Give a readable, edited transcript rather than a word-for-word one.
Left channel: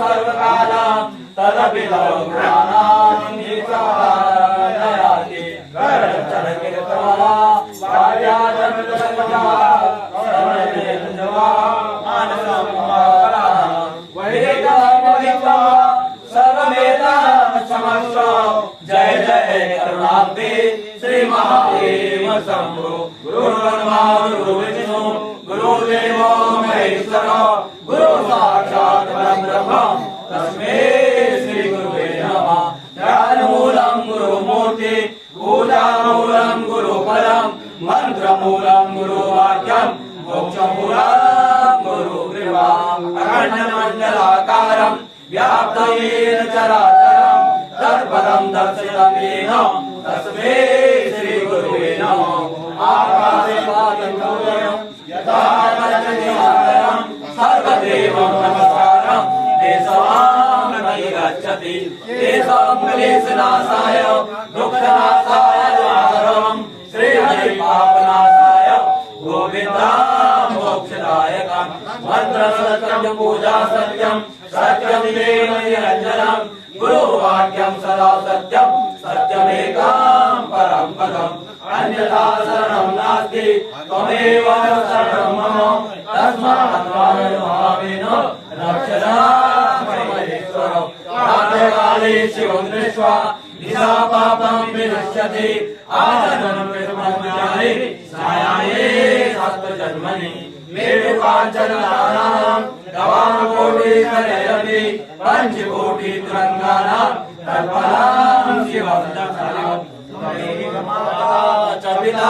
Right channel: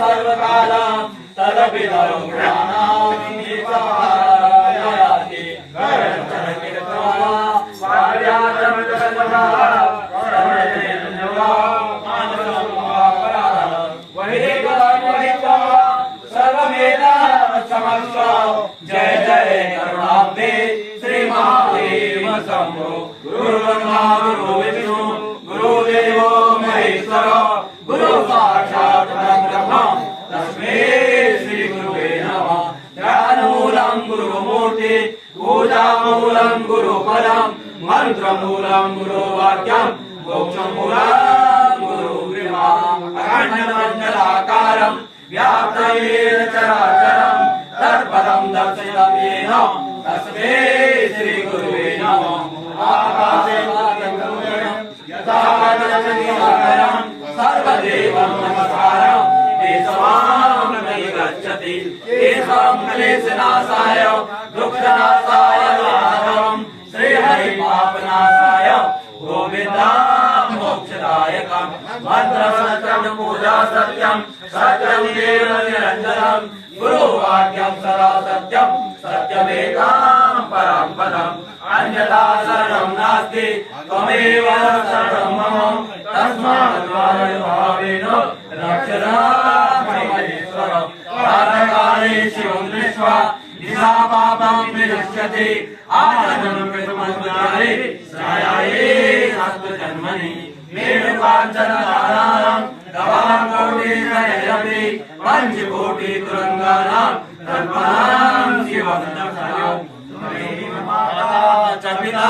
सर्वकालं तदपिदौ ज्ञानां गीतायाति गणचरकिरतमा वार्याचरमितसन्नवा सर्वेन्द्रवा मानसमुपरा वैदिकधर्महिता सर्ववेदाक्षमस्व जय जय करुणाब्धे श्री महादेव शंभो गुरुर्ब्रह्मा गुरुर्विष्णु गुरुर्देवो महेश्वर गुरु साक्षात् परब्रह्म तस्मै श्री गुरुवे नमः ध्यानमूलं गुरुमूर्ति पूजामूलं गुरुपदं मन्त्रमूलं गुरुवाक्यं मोक्षमूलं गुरुकृपा अखण्डमण्डलाकारं व्याप्तं येन चराचरं तत्पदं दर्शितं येन तस्मै श्री गुरुवे नमः आकाशे यथा सर्वदेवं नमस्कारं तेषां मयि गच्छति तेषां क्लेशनाशाय दुःखनाशाय दुःखहरं श्रीहरिपापनाशाय गोविन्दं मोक्षदायकं मन्त्रसत्यं पूजा सत्यं सत्यं देव निरञ्जनं गुरुवाक्यं सदा सत्यं सत्यमेकं परं पदम् अन्यथा शरणं नास्ति त्वमेव शरणं मम तस्मात् भावेन रक्षणा महेश्वर प्रातःकाले शिवं दृष्ट्वा निशा पापं विनश्यति आनन्दं विस्मृत्यानि सायाह्ने सप्तजन्मनि मेरुकाञ्चनधारां गवाकोटिशयति पञ्चकोटितुरङ्गानां तत्परां शिवं दर्शनम् चर्विता